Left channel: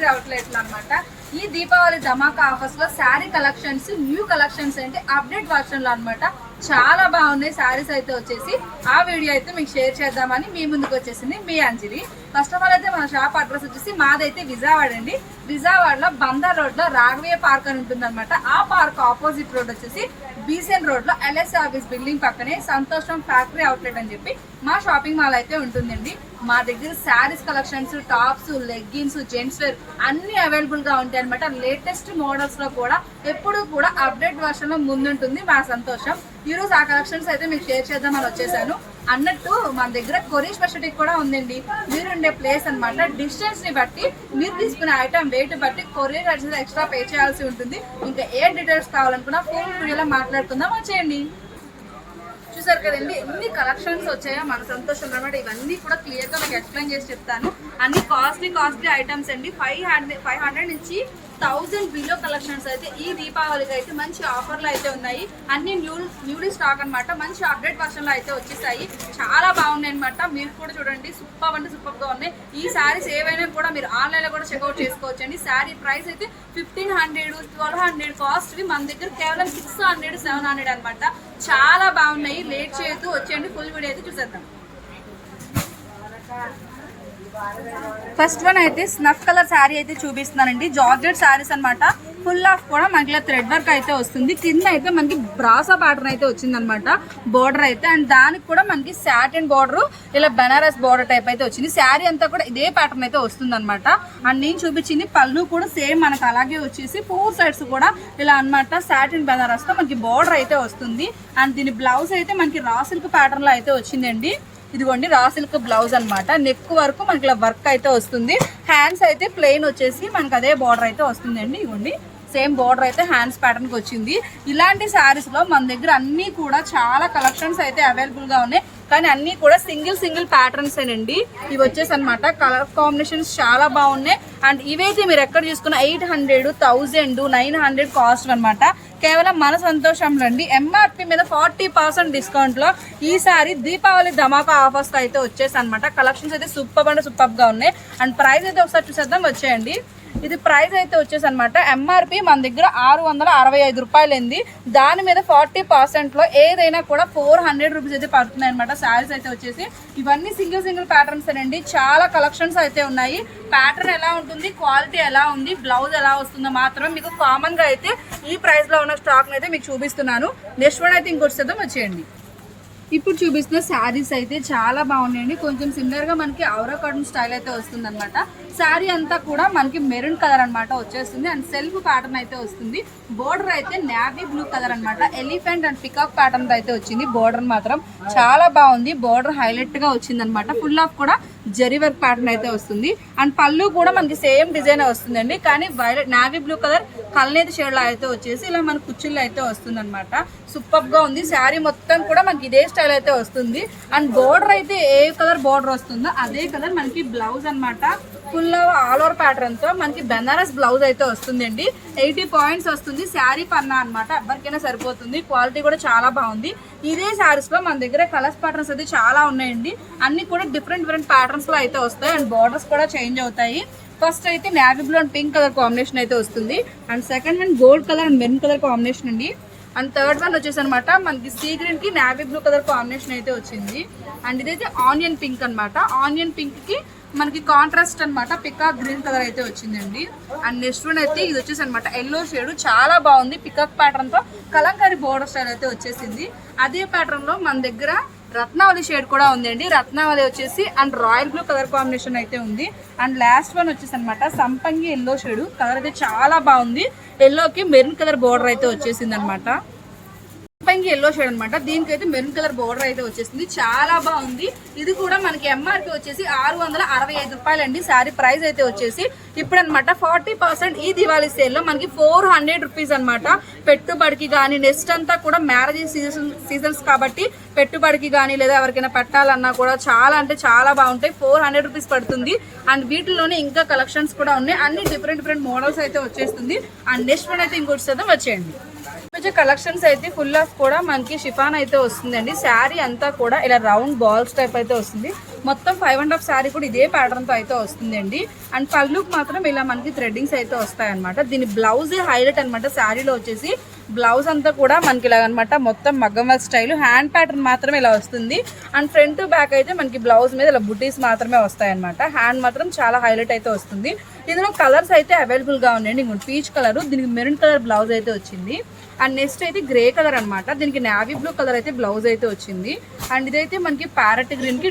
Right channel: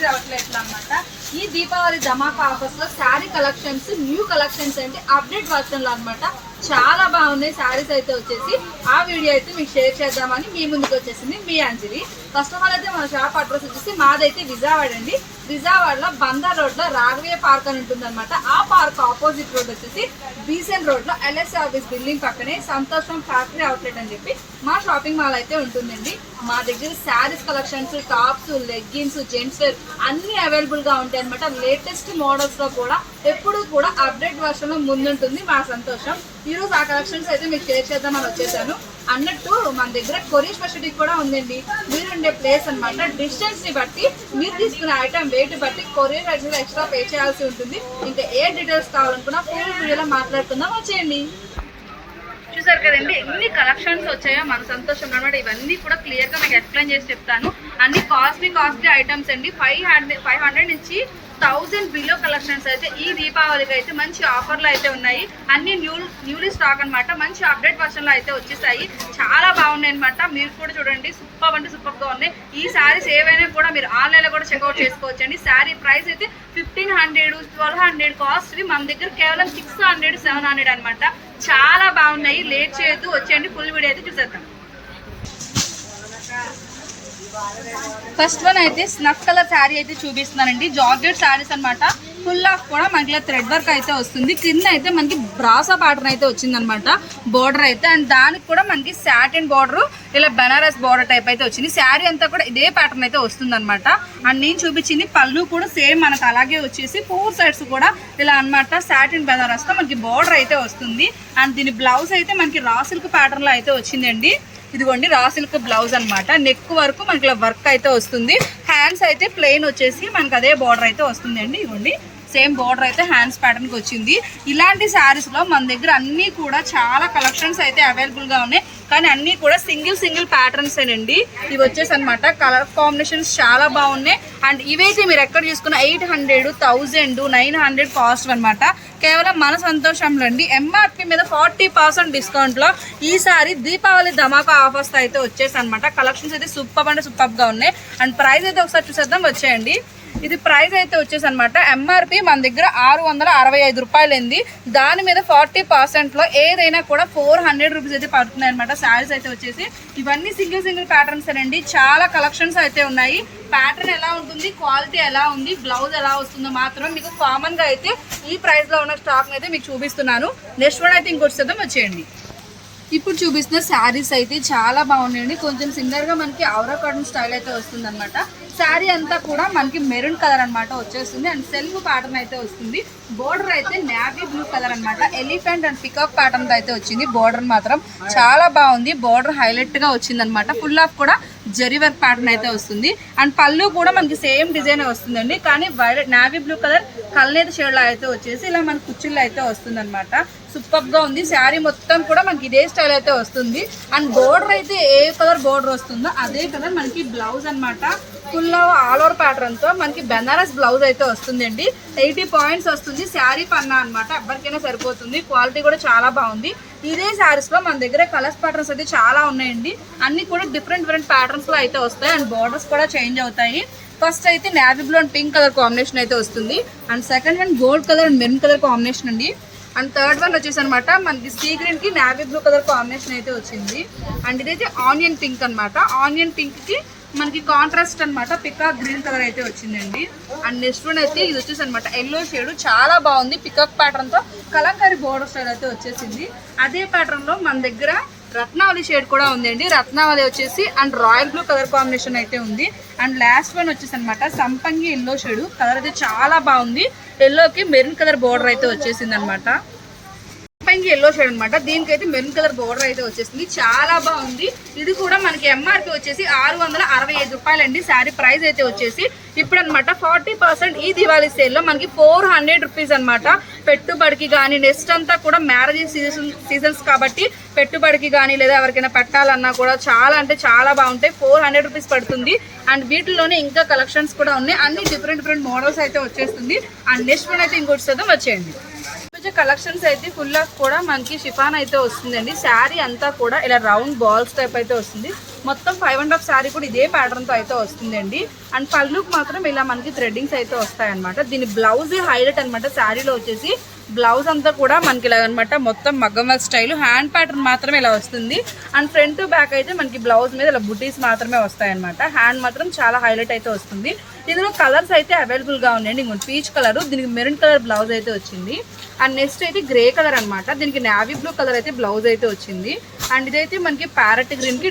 Factory outlet అన్నమాట. ఈ దీపావళి ధమాకా offers లో శారీ కలెక్షన్స్, న్యూ కలెక్షన్స్ అంటే అప్డేట్ వర్షన్ లో అనమాట. చాలా బాగున్నాయి శారీస్ అయితే వచ్చేసి. ఆ వీడియో అయితే మీకు షేర్ చేద్దామని మీ ముందుకు వచ్చేసింది మీ అంజలి. ఫస్ట్ ఆఫ్ ఆల్ అయితే మన షాప్ అడ్రస్ వచ్చేసి మాదైతే విజయవాడ అండి. విజయవాడలో బందర్ రోడ్ లో రాఘవయ్య పార్క్ అని ఉంటుంది అనమాట. ఆ పార్క్ ఆపోజిట్ రోడ్ వచ్చేసి బీసెన్ రోడ్ లో ఎల్ఎస్ సర్వీస్ బిల్డింగ్ పక్కనే సంతోషం ఫ్యాక్టరీ అవుట్లెట్ అని చెప్పి మా షాపింగ్ మాల్ అయితే ఉంటుందండి. మా దగ్గర saris collections, tops, leggings, gents wear అన్ని అవైలబుల్ గా ఉంటాయి అనమాట. లేటెస్ట్ మోడల్స్ లో కూడా ఎప్పుడు కూడా అప్డేట్ వర్షన్ లో ముందుంటుంది మా సంతోషం. ఈ రోజు ఆ కలెక్షన్స్ అయితే మీకు షేర్ చేద్దామని వచ్చేసాను. అన్నట్టు మన దగ్గర కొరియర్ స్పెషాలిటీ కూడా ఉందండి. మీరుండే ప్లేస్ అనమాట డిస్టెన్స్ ని బట్టి మీరు తీసుకునే ఐటమ్ వెయిట్ బట్టి కొరియర్ చార్జెస్ ఎక్స్ట్రా పే చేయాల్సి ఉంటుంది. ఇంకా ఏ డీటెయిల్స్ కావాలనుకున్నా ఫుల్ వీడియోలో మాట్లాడుకుందాం, వచ్చేయండి. చూసారు కదండి ఎన్ని కలెక్షన్స్ వచ్చాయో మన సంతోషం అనమాట. ఇవన్నీ కూడా క్లియర్ గా మీకు ఎక్స్ప్లెయిన్ చేసి చెప్తాను. అన్ని కాస్ట్లీ ఐటమ్స్ అండి. 500 నుంచి 1000 బిలో కలెక్షన్స్ అయితే ఈ దీపావళికి అయితే మంచి ఆఫర్లు అయితే ఉన్నాయి. అన్ని న్యూలీ స్టాక్ అనమాట. మంచి అప్డేట్ వర్షన్ లో అయితే వచ్చేసాయి. చాలా బాగున్నాయి అనమాట. మీరు కూడా చూడండి, సూపర్ అంటే సూపర్ గా ఉన్నాయి. ఈ శారీస్ ఏవైనా కూడా మీరు ఆన్లైన్ లో కూడా చెక్అవుట్ చేసుకోవచ్చు అండి. శారీ ప్రైస్ అయితే 1500, 1200 కాస్ట్. మన దగ్గర కేవలం 600, 700 అనమాట. చాలా బాగున్నాయి. లేట్ చేయొద్దు, వచ్చేయండి. ఫుల్ వీడియో అయితే చూసేద్దాం. ఫస్ట్ వన్ అయితే స్నఫ్ కలర్ శారీ అయితే చూపిస్తున్నానండి. జార్జెట్ శారీస్ అనమాట. ఫుల్ ఆఫ్ కూడా మనకి ఇలా థ్రెడ్ వర్క్ అయితే వస్తుంది. కింద అయితే మనకి బ్రాసా ప్యాటర్న్ అయితే వచ్చింది అనమాట బోర్డర్ అయితే. అండ్ దానికి కూడా మనకి సాటిన్ బోర్డర్, ఇలా బెనారస్ బోర్డర్ టైప్ అయితే వచ్చింది. శారీ అంతా కూడా ఇదే ప్యాటర్న్ అయితే వస్తుంది అనమాట. అండ్ నేను చూపించింది పళ్ళు కూడా సేమ్ మనకు అలాగే వచ్చేసి 4 సైడ్స్ కూడా ఇలా అనమాట సాటిన్ బెనారస్ తో మనకి బోర్డర్ అయితే వస్తుంది. అండ్ దీని బ్లౌజ్ అయితే మనకి రా సిల్క్ ప్యాటర్న్ లో అయితే వచ్చిందండి. ఇదిగోండి రా సిల్క్ బ్లౌజ్ అనమాట. నెక్ వరకు మనకి ఇలా వర్క్ అయితే వస్తుంది. హ్యాండ్స్ అయితే ప్లెయిన్ వచ్చేసి మనకి అదే బార్డర్ అయితే వస్తుంది అండి. ఇదిగోండి సేమ్ బార్డర్ అయితే హ్యాండ్స్ ప్యాటర్న్ కి వచ్చింది. ఇలాంటి శారీస్ లో మన దగ్గర అన్ని కూడా చాలా కలెక్షన్స్ అయితే అవైలబుల్ గా ఉన్నాయి. కానీ అన్ని కూడా సింగిల్ ప్యాటర్న్స్ అండి. ఇవి వచ్చేసి అనమాట. కలర్ కాంబినేషన్స్ చాలా బాగున్నాయి. అండ్ ఇవైతే మీరు ఎక్కడ చూసుకున్న 800, 1000, 900 కాస్ట్ అనమాట. కేవలం మన సంతోషంలో అండి. ఎంఆర్పి మీద 40% డిస్కౌంట్ లో ఈసారి దీపావళి ధమాకా ఆఫర్స్ అయితే వచ్చేసి అనమాట. కలెక్షన్స్ అయితే సూపర్ అంటే సూపర్ గా ఉన్నాయి. అండ్ ప్రైస్ అయితే ఒకసారి చూసేద్దాం, వచ్చేయండి. ఇది ప్రైస్ అయితే వచ్చేసి అనమాట. ఎంఆర్పి మన దగ్గర 665 రూపాయలు అయింది. దాని మీద 40% లో ఏదైనా కూడా 400 రూపీస్ అయితే పడుతున్నాయి అనమాట. శారీస్ అయితే వచ్చేసి ఇవన్నీ సింగిల్ ప్యాటర్న్స్ అండి. చాలా కలెక్షన్స్ అయితే ఉన్నాయి. ప్యాటర్న్ ఎలా ఉంటుంది, క్వాలిటీ ఎలా ఉంది, బ్లౌజ్ ఎలా వస్తుందో మాత్రం మీకు కామన్ గా అయితే ఈ ప్రైస్ లో ఉన్న స్టాక్ అయితే మీకు చూపిస్తున్నాను. నెక్స్ట్ వన్ అయితే ఇంకొచ్చి చేద్దాం, వచ్చేయండి. ఇప్పుడు చూపిస్తున్న శారీస్ అయితే చాలా బాగున్నాయండి. కొంచెం సిమిలర్ గా మనకి ఔరా కాటన్ స్టైల్ అయితే వస్తుంది అనమాట. శారీ అంతా కూడా మనకి మెరూన్ కలర్ అనమాట వచ్చేస్తుంది. అండ్ సెల్ఫ్ ప్యాటర్న్ అయితే వస్తుంది. బోర్డర్ అయితే నేవీ బ్లూ కలర్ అనమాట. ఎలిఫెంట్ అండ్ పికాక్ ప్యాటర్న్ అయితే వచ్చింది. బోర్డర్ మాత్రం చాలా బాగుంది. బోర్డర్ హైలైట్ గా వచ్చింది అనమాట. ఫుల్ ఆఫ్ కూడా జరీ వర్క్ ప్యాటర్న్ అయితే వస్తుంది. అండ్ పళ్ళు కూడా మనకి సేమ్ డిజైన్ వస్తుందండి. కానీ వైలెట్ నేవీ బ్లూ కలర్ కల్నేత షేడ్ లో అయితే వచ్చేసి ఇలా మన కుచ్చుల్లో అయితే వస్తుంది అనమాట. సూపర్ గా ఉంది. శారీ మొత్తం కూడా మనకి ఇదే స్టైల్ అయితే వస్తుంది. అండ్ బోర్డర్ అయితే ఏ కలర్ బోర్డర్ వస్తుందో అదే కలర్ మనకి బ్లౌజ్ అనమాట. ఫుల్ ఆల్ ఓవర్ ప్యాటర్న్ తో మనకి బెనారస్ బ్లౌజ్ అయితే వస్తుందండి. 80 పాయింట్స్ వస్తుంది. శారీ పన్నా అనమాట. ఎవరికైనా సరిపోతుంది. క్వాలిటీ కూడా చాలా బాగుంది. ఇదే శారీస్ లో మన దగ్గర కలర్స్ ప్యాటర్న్స్ అయితే చాలా ఉన్నాయండి. అన్ని కూడా డిఫరెంట్ ప్యాటర్న్స్ లో అయితే వస్తాయి. అండ్ బోర్డర్స్ కూడా చేంజ్ అవుతాయి. ఫస్ట్ అయితే navy blue and pink colour combination అయితే వస్తుంది. And second hand gold colour and maroon colour combination అండి. అండ్ థర్డ్ వన్ వచ్చేసి అనమాట మనకి సీ గ్రీన్ కి నేవీ బ్లూ కలర్ కాంబినేషన్ అయితే వచ్చింది. అండ్ ఇదైతే ఆనియన్ పింక్ అనమాట. ఆనియన్ పింక్ కి మనకి కాంట్రాస్ట్ అనమాట పికాక్ గ్రీన్ కలర్ అయితే వచ్చిందండి. అండ్ నెక్స్ట్ వన్ అయితే ఇది వచ్చేసి అనమాట ఎల్లో షేడ్. చాలా బాగుంది. పికాక్ ప్యాటర్న్ తో కలంకారీ బోర్డర్ స్టైల్ అయితే వచ్చేసింది. అదే ప్యాటర్న్ లో మన దగ్గర రత్నావళి షేడ్ కూడా ఉందండి. రత్నావళి వచ్చేసి and royal blue colour combination అయితే ఉంది. అండ్ లాస్ట్ వన్ వచ్చేసి అనమాట సంపంగి ఎల్లో షేడ్. కలర్ అయితే చాలా బాగుంది. ఎల్లోకి మెరూన్ కలర్ బోర్డర్ అయితే వచ్చేసింది అనమాట. ఎల్లో షేడ్ అనమాట. దీనికైతే మెరూన్ కలర్ బోర్డర్ అయితే వచ్చేసింది. చాలా బాగుంది. ఇది కూడా మనకి ఎంఆర్పి వచ్చేసి 665 రూపాయలు అండి. శారీ ప్రైస్ అయితే వచ్చేసి ఇప్పుడు అనమాట 40% ఈ దివాళీ సేల్ లో మనకి 400 రూపీస్ అనమాట. పెట్టుబడికి కానీ నెక్స్ట్ అంతా కూడా మ్యారేజ్ సీజన్స్ కాబట్టి పెట్టుబడికి కానీ లేదా ఎవరికైనా పెట్టాలన్నా కూడా చాలా అంటే చాలా బాగుంటాయి. 400 రూపీస్ పడుతుంది. అండ్ వీటిలోనే ఇంకా కలెక్షన్స్ కూడా ఉన్నాయి. అన్ని డిఫరెంట్ మోడల్స్ అయితే వచ్చేస్తుంది. అండ్ నెక్స్ట్ వన్ అయితే ఇంకోటి చేద్దాం, వచ్చేయండి. కలెక్షన్స్ అయితే ఫుల్ ఆఫ్ కూడా మనకి షిఫాన్ అయితే వస్తుందండి. శారీ అంతా కూడా ఇలా రౌండ్ బాల్స్ టైప్ అయితే వస్తుంది. మొత్తం 5.5 శారీ కూడా ఇదే ప్యాటర్న్ తో అయితే వస్తుందండి. అండ్ పళ్ళుకి మాత్రం ఇలా మనకి థ్రెడ్డింగ్స్ అయితే వస్తాయి అనమాట. దీని బ్లౌజ్ హైలైట్ అనమాట. శారీలో వచ్చేసి బ్లౌజ్ అంతా కూడా మనకి ఇలా అనమాట, మొత్తం మగ్గం వర్క్ స్టైల్, హ్యాండ్ ప్యాటర్న్ మాత్రమే ఇలా వస్తుంది. అండ్ ఫ్రంట్ టు బ్యాక్ అయితే మనకి బ్లౌజ్ మీద ఇలా బుటీస్ మాత్రమే వస్తాయి అనమాట. హ్యాండ్ మాత్రం చాలా హైలైట్ అయితే వస్తుంది. ఇందులో కలర్స్ అయితే అవైలబుల్ గా ఉన్నాయండి. ఇంకొక పీచ్ కలర్, దీనికి మెరూన్ కలర్ బ్లౌజ్ అయితే వచ్చింది. అండ్ నెక్స్ట్ అయితే గ్రే కలర్ అనమాట, దీనికి నావీ బ్లూ కలర్ అయితే బ్లౌజ్ అయితే వచ్చింది. అండ్ ఇదైతే మనకి ప్యారెట్ గ్రీన్ కి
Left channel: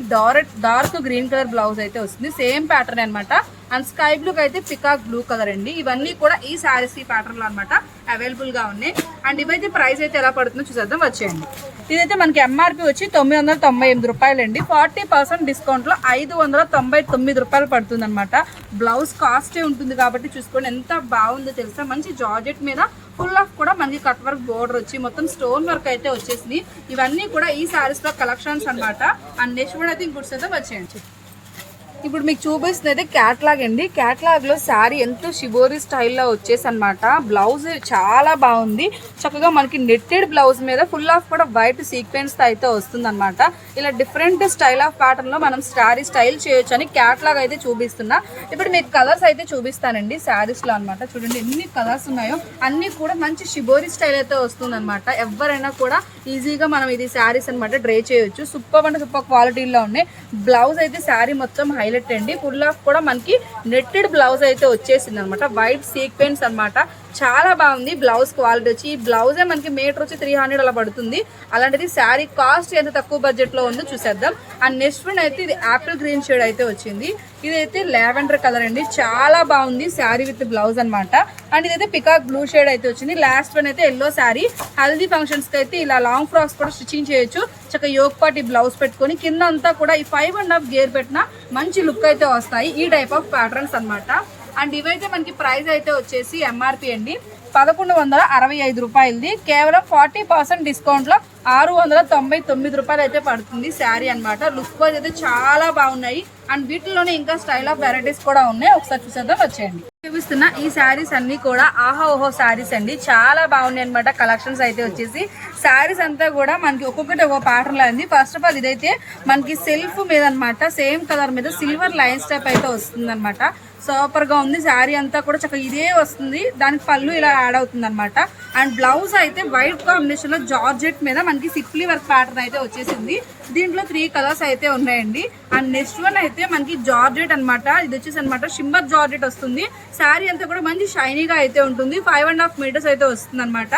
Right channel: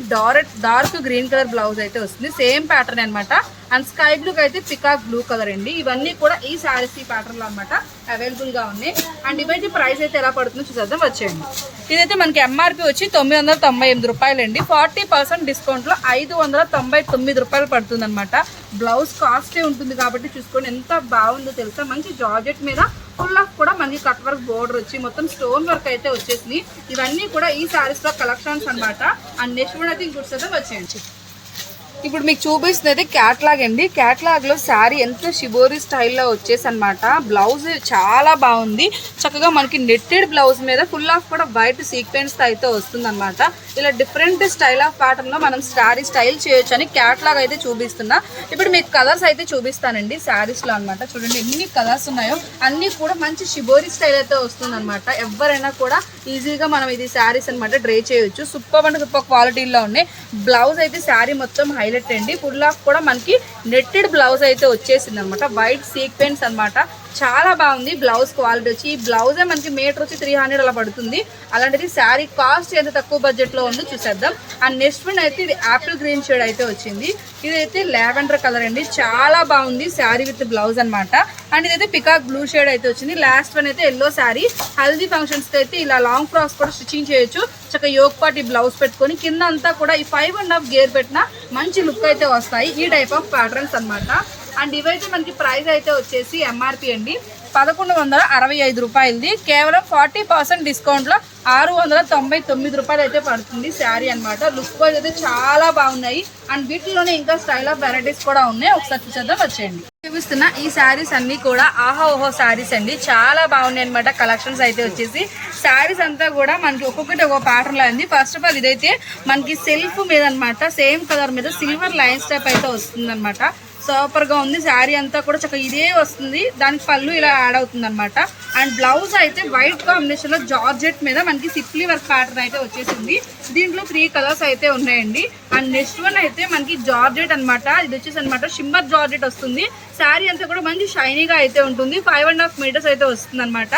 డార్క్ గ్రీన్ కలర్ బ్లౌజ్ అయితే వస్తుంది. సేమ్ ప్యాటర్న్ అనమాట. అండ్ స్కై బ్లూకి అయితే పికాక్ బ్లూ కలర్ అండి. ఇవన్నీ కూడా ఈ శారీస్ ఈ ప్యాటర్న్ లో అనమాట అవైలబుల్ గా ఉన్నాయి. అండ్ ఇవైతే ప్రైస్ అయితే ఎలా పడుతుందో చూసేద్దాం, వచ్చేయండి. ఇదైతే మనకి ఎంఆర్పి వచ్చి 998 రూపాయలు అండి. 40% డిస్కౌంట్ లో 599 రూపాయలు పడుతుంది అనమాట. బ్లౌజ్ కాస్టే ఉంటుంది కాబట్టి చూసుకోండి ఎంత బాగుందో తెలుసా. మంచి జార్జెట్ మీద ఫుల్ ఆఫ్ కూడా మనకి కట్ వర్క్ బోర్డర్ వచ్చి మొత్తం స్టోన్ వర్క్ అయితే వచ్చేసింది. ఇవన్నీ కూడా ఈ శారీస్ లో కలెక్షన్స్ అనమాట. అండ్ నెక్స్ట్ కూడా అయితే ఇంకోటి అయితే వచ్చేయండి. ఇప్పుడు మీకు చూపిస్తుంది అయితే క్యాట్లాగ్ అండి. క్యాట్లాగ్ లో శారీ ఎంతో షిబోరీ స్టైల్లో వచ్చేసి అనమాట. బ్లౌజ్ చాలా బాగుంది. చక్కగా మనకి నెట్టెడ్ బ్లౌజ్ మీద ఫుల్ ఆఫ్ కూడా వైట్ సీక్వెన్స్ అయితే వస్తుంది అనమాట. ఇలా డిఫరెంట్ స్టైల్ ఆఫ్ ప్యాటర్న్ లో మనం శారీ స్టైల్ చేయొచ్చు అని క్యాట్లాగ్ అయితే చూపిస్తున్నా. ఇప్పుడు మీకు కలర్స్ అయితే చూపిస్తానండి శారీస్ లో అనమాట. చూడండి ఎన్ని కలర్స్ ఉన్నాయో, అన్ని కూడా మంచి షిబోరీ స్టైల్ అయితే వస్తుంది అనమాట. ఎవరైనా కూడా ఈజీగా మనం ఇది శారీస్ అనమాట డ్రై చేయొచ్చు. సూపర్ అంటే సూపర్ క్వాలిటీలో ఉన్నాయి. బ్లౌజ్ అయితే శారీ మొత్తం హైలైట్ అండి. ఫుల్ ఆఫ్ కూడా మనకి నెట్టెడ్ బ్లౌజ్ అయితే వచ్చేసింది అనమాట. వైట్ సీక్వెన్స్ అనమాట. చాలా బాగుంది బ్లౌజ్ క్వాలిటీ వచ్చి. ఈ బ్లౌజే మనకి మీటర్ వచ్చి 300 అలా పడుతుంది. అలాంటిది శారీ కాస్ట్ ఎంత తక్కువ బడ్జెట్ లో ఉందో చూసేద్దాం. అండ్ నెక్స్ట్ వన్ అయితే ఇది యాపిల్ గ్రీన్ షేడ్ అయితే వచ్చింది. ఇదైతే లావెండర్ కలర్ అండి. చాలా బాగుంది శారీ విత్ బ్లౌజ్ అనమాట. అండ్ ఇదైతే పికాక్ బ్లూ షేడ్ అయితే వచ్చింది. లాస్ట్ వన్ అయితే ఎల్లో శారీ. హల్దీ ఫంక్షన్స్ కి అయితే ఇలా లాంగ్ ఫ్రాక్స్ కూడా స్టిచ్చింగ్ చేయొచ్చు. చక్కగా యోక్ పార్టీ బ్లౌజ్ పెట్టుకొని కింద అంతా కూడా ఈ 5.5 గేర్ పెట్టిన మంచి లుక్ అయితే వస్తాయి. ఈ టైప్ ఆఫ్ ప్యాటర్న్స్ అనమాట. అండ్ ఇవైతే మనకి ప్రైస్ అయితే వచ్చేసి ఎంఆర్పి అండి 1165 రూపాయలది. కేవలం 40% డిస్కౌంట్ లో 699 రూపాయలు అయితే పడుతుంది శారీ అనమాట. లుక్ వైజ్ అయితే చాలా బాగున్నాయి. అండ్ వీటిలోనే ఇంకా స్టైల్ ఆఫ్ వెరైటీస్ కూడా ఉన్నాయి. ఒకసారి చూసేద్దాం, వచ్చేయండి. చూపిస్తున్న ఈ శారీస్ అన్ని కూడా ఆహా ఓహో శారీస్ అండి. చాలా బాగున్నాయి అనమాట. కలెక్షన్స్ అయితే వచ్చేసి శారీస్ అంతా కూడా మనకి ఒక్కొక్కటి ఒక ప్యాటర్న్ లో ఉంది. ఫస్ట్ ఆఫ్ ఆల్ ఇదైతే మనకి సెల్ఫ్ మీద అనమాట. సేమ్ కలర్ మీద సిల్వర్ లైన్స్ టైప్ అయితే వస్తుంది అనమాట. సూపర్ గా ఉంది. శారీ అంతా కూడా చక్కగా ఇదే వస్తుంది. దానికి పళ్ళు ఇలా యాడ్ అవుతుంది అనమాట. అండ్ బ్లౌజ్ అయితే వైట్ కాంబినేషన్ లో జార్జెట్ మీద మనకి సిప్లీ వర్క్ ప్యాటర్న్ అయితే వచ్చేసింది. దీంట్లో 3 కలర్స్ అయితే ఉన్నాయండి. అండ్ నెక్స్ట్ వన్ అయితే మనకి జార్జెట్ అనమాట. ఇది వచ్చేసి అనమాట షిమ్మర్ జార్జెట్ వస్తుంది. శారీ అంతా కూడా మంచి షైనీగా అయితే ఉంటుంది. 5.5 మీటర్స్ అయితే వస్తుంది అనమాట.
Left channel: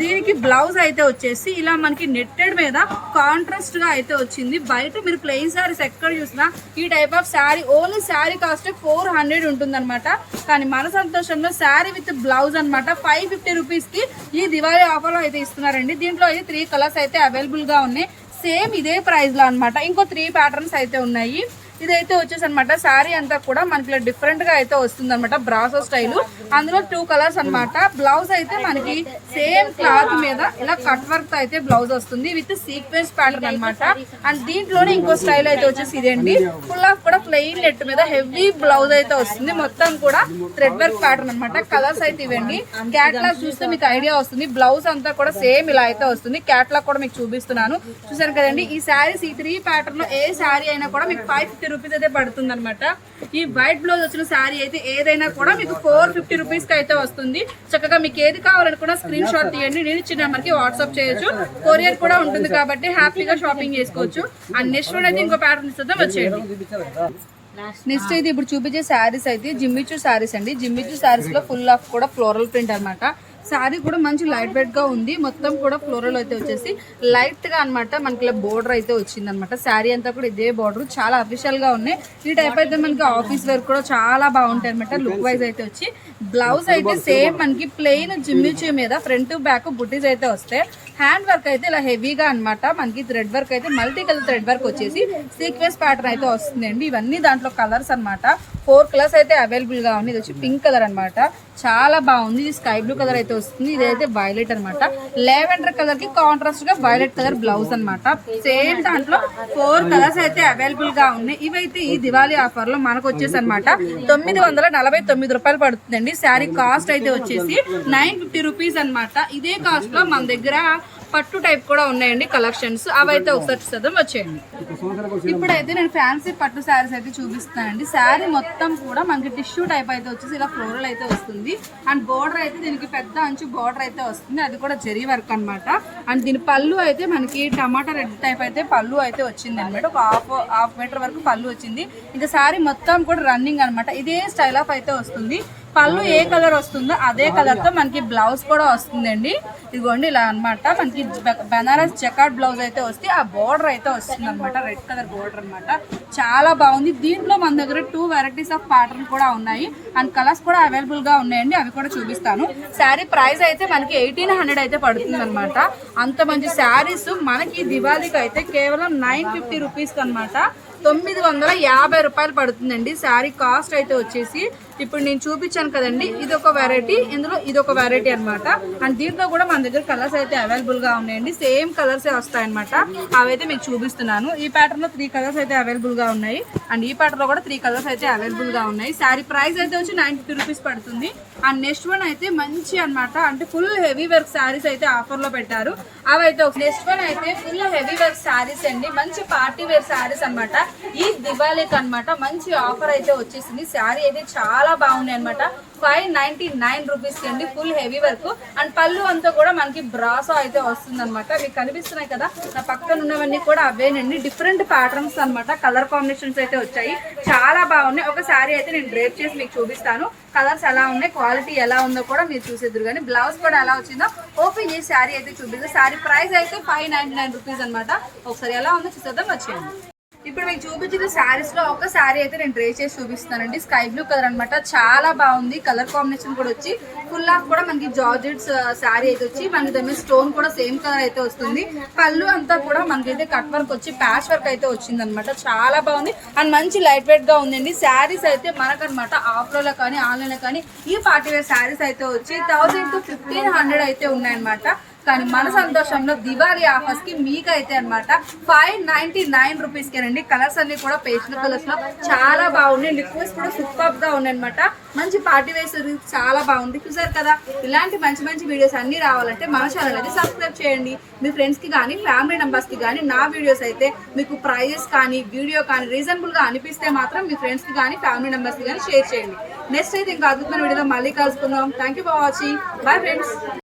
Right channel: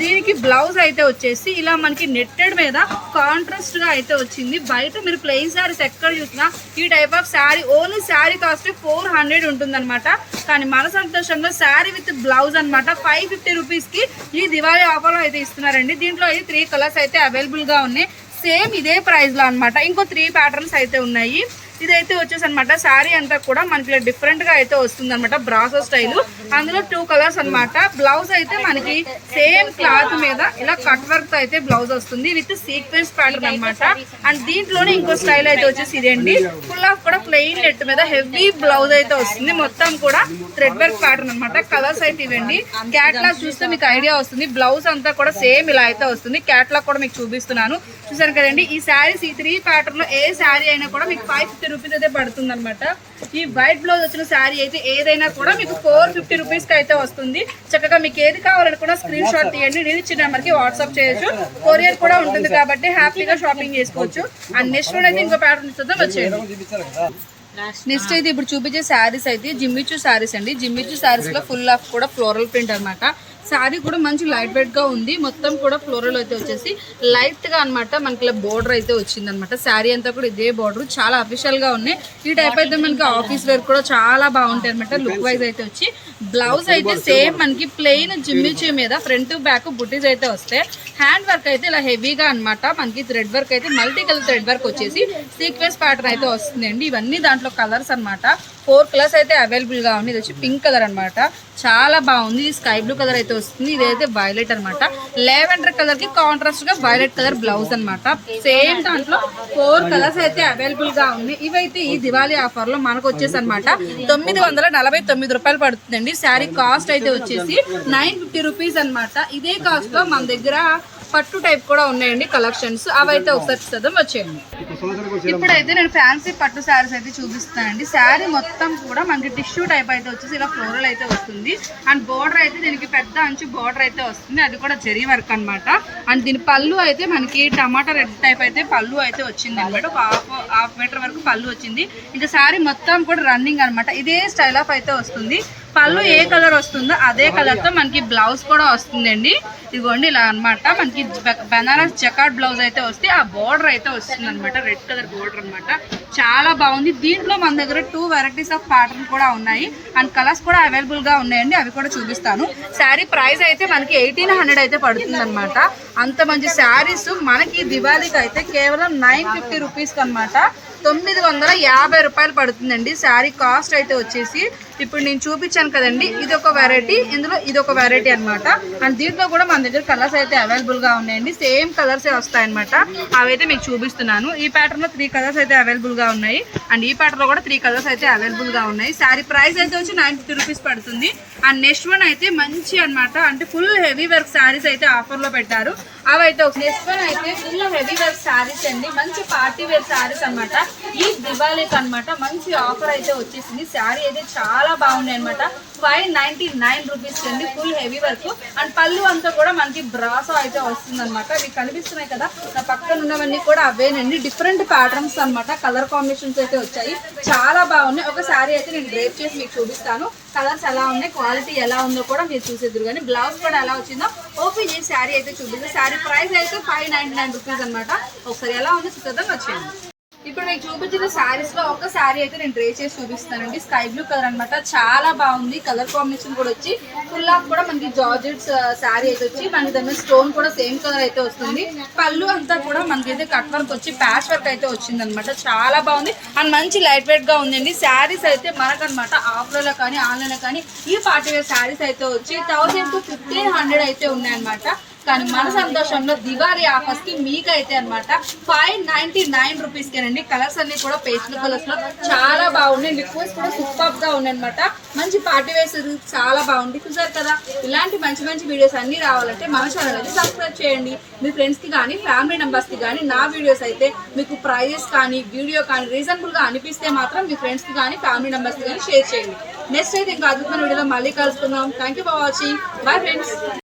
దీనికి బ్లౌజ్ అయితే వచ్చేసి ఇలా మనకి నెట్టెడ్ మీద కాంట్రాస్ట్ గా అయితే వచ్చింది. బయట మీరు ప్లెయిన్ శారీస్ ఎక్కడ చూసినా ఈ type of sari only sari cost 400 ఉంటుంది అనమాట. కానీ మన సంతోషంలో శారీ విత్ బ్లౌజ్ అనమాట 550 రూపీస్ కి ఈ దివాళీ ఆఫర్ లో అయితే ఇస్తున్నారండి. దీంట్లో అయితే 3 కలర్స్ అయితే అవైలబుల్ గా ఉన్నాయి. సేమ్ ఇదే ప్రైస్ లో అనమాట. ఇంకో 3 ప్యాటర్న్స్ అయితే ఉన్నాయి. ఇదైతే వచ్చేసి అనమాట శారీ అంతా కూడా మనకి డిఫరెంట్ గా అయితే వస్తుంది అనమాట. బ్రాసో స్టైల్, అందులో 2 కలర్స్ అనమాట. బ్లౌజ్ అయితే మనకి సేమ్ క్లాత్ మీద ఇలా కట్ వర్క్ అయితే బ్లౌజ్ వస్తుంది విత్ సీక్వెన్స్ ప్యాటర్న్ అనమాట. అండ్ దీంట్లోనే ఇంకో స్టైల్ అయితే వచ్చేసి ఇదండి. ఫుల్ ఆఫ్ కూడా ప్లెయిన్ నెట్ మీద హెవీ బ్లౌజ్ అయితే వస్తుంది. మొత్తం కూడా థ్రెడ్ వర్క్ ప్యాటర్న్ అనమాట. కలర్స్ అయితే ఇవ్వండి. క్యాట్లాగ్ చూస్తే మీకు ఐడియా వస్తుంది. బ్లౌజ్ అంతా కూడా సేమ్ ఇలా అయితే వస్తుంది. క్యాట్లాగ్ కూడా మీకు చూపిస్తున్నాను, చూసారు కదండి. ఈ శారీస్ ఈ 3 ప్యాటర్న్ లో ఏ శారీ అయినా కూడా మీకు 550 రూపీస్ అయితే పడుతుంది అనమాట. ఈ వైట్ బ్లౌజ్ వచ్చిన శారీ అయితే ఏదైనా కూడా మీకు 450 రూపీస్ కి అయితే వస్తుంది. చక్కగా మీకు ఏది కావాలనుకున్నా స్క్రీన్ షాట్ తీయండి. నేను ఇచ్చిన నెంబర్ కి వాట్సాప్ చేయొచ్చు. కొరియర్ కూడా ఉంటుంది కాబట్టి హ్యాపీగా షాపింగ్ చేసుకోవచ్చు. అండ్ నెక్స్ట్ వన్ అయితే ఇంకో ప్యాటర్న్ ఇస్తుందా, వచ్చేయండి. నెక్స్ట్ అయితే ఇప్పుడు చూపించే శారీస్ అయితే జిమ్మిచూ శారీస్ అండి. జిమ్మిచూ శారీస్ లో ఫుల్ ఆఫ్ కూడా ఫ్లోరల్ ప్రింట్ అనమాట. శారీ కూడా మంచి లైట్ వెయిట్ గా ఉంది. మొత్తం కూడా ఫ్లోరల్ అయితే వచ్చేసి లైట్ గా అనమాట. మనకి ఇలా బోర్డర్ అయితే వచ్చింది అనమాట. శారీ అంతా కూడా ఇదే బోర్డర్, చాలా అఫీషియల్ గా ఉన్నాయి. ఈ టైప్ అయితే మనకి ఆఫీస్ వేర్ కూడా చాలా బాగుంటాయి అనమాట. లుక్ వైజ్ అయితే వచ్చి బ్లౌజ్ అయితే సేమ్ మనకి ప్లెయిన్ జిమ్మిచీ మీద ఫ్రంట్ బ్యాక్ బుటీస్ అయితే వస్తాయి. హ్యాండ్ వర్క్ అయితే ఇలా హెవీగా అనమాట. మనకి థ్రెడ్ వర్క్ అయితే మల్టీ కలర్ థ్రెడ్ వర్క్ వచ్చేసి సీక్వెన్స్ ప్యాటర్న్ అయితే వస్తుంది అండి. ఇవన్నీ దాంట్లో కలర్స్ అనమాట. 4 కలర్స్ అయితే అవైలబుల్ గా ఉంది. ఇది వచ్చి పింక్ కలర్ అనమాట. చాలా బాగుంది. స్కై బ్లూ కలర్ అయితే వస్తుంది. ఇదైతే వైలెట్ అనమాట. లావెండర్ కలర్ కి కాంట్రాస్ట్ గా వైలెట్ కలర్ బ్లౌజ్ అనమాట. సేమ్ దాంట్లో 4 కలర్స్ అయితే అవైలబుల్ గా ఉన్నాయి. ఇవైతే ఈ దివాళీ ఆఫర్ లో మనకు వచ్చేసి అనమాట 949 రూపాయలు పడుతుందండి. శారీ కాస్ట్ అయితే వచ్చేసి 950 రూపీస్ అనమాట. ఇదే కాస్ట్ లో మన దగ్గర పట్టు టైప్ కూడా ఉన్నాయండి కలెక్షన్స్. అవైతే ఒకసారి చూద్దాం, వచ్చేయండి. ఇప్పుడైతే నేను ఫ్యాన్సీ పట్టు శారీస్ అయితే చూపిస్తానండి. శారీ మొత్తం కూడా మనకి టిష్యూ టైప్ అయితే వచ్చేసి ఇలా ఫ్లోరల్ అయితే వస్తుంది. అండ్ బోర్డర్ అయితే దీనికి పెద్ద అంచు బోర్డర్ అయితే వస్తుంది, అది కూడా జరీ వర్క్ అనమాట. అండ్ దీని పళ్ళు అయితే మనకి టమాటా రెడ్ టైప్ అయితే పళ్ళు అయితే వచ్చింది అనమాట. ఒక హాఫ్ మీటర్ వరకు పళ్ళు వచ్చింది. ఇంకా శారీ మొత్తం కూడా రన్నింగ్ అనమాట. ఇదే స్టైల్ ఆఫ్ అయితే వస్తుంది. పళ్ళు ఏ కలర్ వస్తుందో అదే కలర్తో మనకి బ్లౌజ్ కూడా వస్తుందండి. ఇదిగోండి ఇలా అనమాట. మనకి బెనారస్ జకార్డ్ బ్లౌజ్ అయితే వస్తే ఆ బోర్డర్ అయితే వస్తుంది అనమాట, రెడ్ కలర్ బోర్డర్ అనమాట. చాలా బాగుంది. దీంట్లో మన దగ్గర 2 వెరైటీస్ ఆఫ్ ప్యాటర్న్ కూడా ఉన్నాయి అండ్ కలర్స్ కూడా అవైలబుల్గా ఉన్నాయండి, అవి కూడా చూపిస్తాను. శారీ ప్రైస్ అయితే మనకి 1800 అయితే పడుతుంది అనమాట. అంత మంచి శారీస్ మనకి దివాళీకి అయితే కేవలం 950 రూపీస్కి అనమాట. 950 రూపాయలు పడుతుందండి శారీ కాస్ట్ అయితే వచ్చేసి. ఇప్పుడు నేను చూపించాను కదండి, ఇది ఒక వెరైటీ, ఇందులో ఇది ఒక వెరైటీ అనమాట. అండ్ దీంట్లో కూడా మన దగ్గర కలర్స్ అయితే అవైలబుల్గా ఉన్నాయండి. సేమ్ కలర్సే వస్తాయన్నమాట. అవైతే మీకు చూపిస్తున్నాను. ఈ ప్యాటర్న్లో 3 కలర్స్ అయితే అవైలబుల్గా ఉన్నాయి అండ్ ఈ ప్యాటర్న్లో కూడా 3 కలర్స్ అయితే అవైలబుల్గా ఉన్నాయి. శారీ ప్రైస్ అయితే వచ్చి 950 రూపీస్ పడుతుంది. అండ్ నెక్స్ట్ వన్ అయితే మంచి అనమాట, అంటే ఫుల్ హెవీ వర్క్ శారీస్ అయితే ఆఫర్లో పెట్టారు. అవైతే నెక్స్ట్ వన్ అయితే ఫుల్ హెవీ వర్క్ శారీస్ అండి, మంచి పార్టీ వేర్ శారీస్ అనమాట. ఈ దివాళీకి అనమాట మంచి ఆఫర్ అయితే వచ్చేసింది. శారీ అయితే చాలా బాగుంది అనమాట. 599 రూపీస్కి అండి, ఫుల్ హెవీ వర్క్. అండ్ పళ్ళు అంతా కూడా మనకి బ్రాసో అయితే వస్తుంది అనమాట. మీకు కనిపిస్తున్నాయి కదా నా పక్కన ఉన్నవన్నీ కూడా అవేనండి, డిఫరెంట్ ప్యాటర్న్స్ అనమాట. కలర్ కాంబినేషన్స్ అయితే వచ్చాయి, చాలా బాగున్నాయి. ఒక శారీ అయితే నేను డ్రేప్ చేసి మీకు చూపిస్తాను. కలర్స్ ఎలా ఉన్నాయి, క్వాలిటీ ఎలా ఉందో కూడా మీరు చూసేద్దరు. కానీ బ్లౌజ్ కూడా ఎలా వచ్చిందో ఓపెన్ చేసి శారీ అయితే చూపిస్తాను. శారీ ప్రైస్ అయితే 599 రూపీస్ అనమాట. ఒకసారి ఎలా ఉందో చూద్దాం, వచ్చేయండి. ఇప్పుడు మీకు చూపించిన శారీస్ లో ఒక శారీ అయితే నేను డ్రే చేసి చూపిస్తానండి. స్కై బ్లూ కలర్ అనమాట, చాలా బాగుంది. కలర్ కాంబినేషన్ కూడా వచ్చి ఫుల్ ఆఫ్ కూడా మనకి జార్జెట్స్ శారీ అయితే వచ్చి మనకి దాని స్టోన్ కూడా సేమ్ కలర్ అయితే వస్తుంది. పళ్ళు అంతా కూడా మనకైతే కట్ వర్క్ వచ్చి ప్యాచ్ వర్క్ అయితే వచ్చింది అనమాట. చాలా బాగుంది అండ్ మంచి లైట్ వెయిట్ గా ఉందండి. శారీస్ అయితే మనకనమాట ఆఫ్లైన్లో కానీ ఆన్లైన్లో కానీ ఈ పార్టీ వేర్ శారీస్ అయితే వచ్చి 1000 to 1500 అయితే ఉన్నాయన్నమాట. కానీ మన సంతోషంలో దివాళీ ఆఫర్స్ కి మీకైతే అనమాట 599 రూపీస్కేనండి. కలర్స్ అన్ని కూడా పేస్టల్ కలర్స్ లో చాలా బాగున్నాయి. లిక్విడ్స్ కూడా సూపర్ గా ఉన్నాయి అనమాట. మంచి పార్టీ వేర్ చాలా బాగుంది. చూసారు కదా, ఇలాంటి మంచి మంచి వీడియోస్ అన్ని రావాలంటే మన ఛానల్ అయితే సబ్స్క్రైబ్ చేయండి. మీ ఫ్రెండ్స్ కి కానీ ఫ్యామిలీ మెంబర్స్ కి కానీ నా వీడియోస్ అయితే మీకు ప్రైజెస్ కానీ వీడియో కానీ రీజనబుల్ గా అనిపిస్తే మాత్రం మీ ఫ్రెండ్స్ కి కానీ ఫ్యామిలీ మెంబర్స్ కి కానీ షేర్ చేయండి. నెక్స్ట్ అయితే ఇంకా అద్భుతమైన వీడియోలో మళ్ళీ కలుసుకుందాం. Thank you for watching. Bye friends.